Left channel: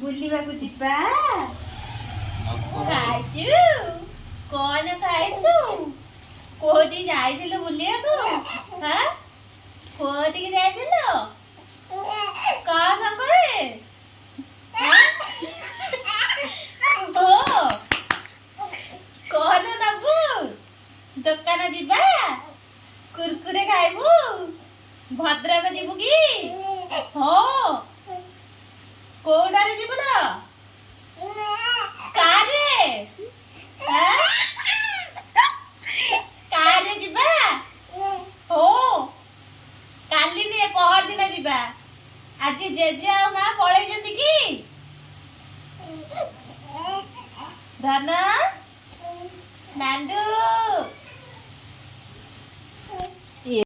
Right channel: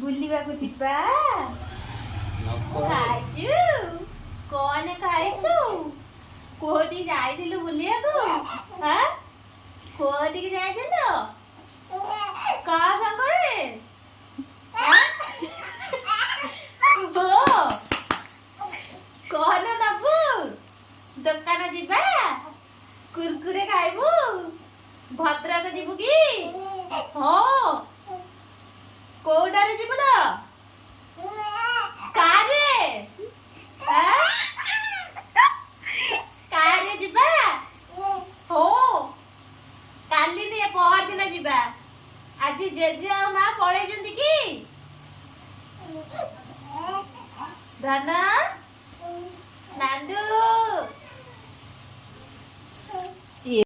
ବୁଲିବାକୁ ଯିବା। ଖାଇଛୁ? କଣ ଖାଇଛୁ? କୋଉଠି ଯାଇଥିଲୁ ବୁଲିବାକୁ? ହାଁ? କୋଉଠିକି ଯାଇଥିଲୁ? କାହା ସାଙ୍ଗରେ? କଣ ନବୁ? ଦୋକାନ ଯିବା? କୁରକୁରେ ଖାଇବୁ? ଭଦ୍ରକ ଯିବୁ କି? ହଁ। କୋଉଟାରେ ଯିବୁ ନା? କାରରେ? କାରରେ ଯିବା? ହଁ। କାଲି ନୁହେଁ, ପହରଦିନ ଯିବା। ଆଜି ଜେଜେ ଆଉ ମା ପଳେଇଛନ୍ତି କି? ଧନ, ନାଣ୍ଡୁ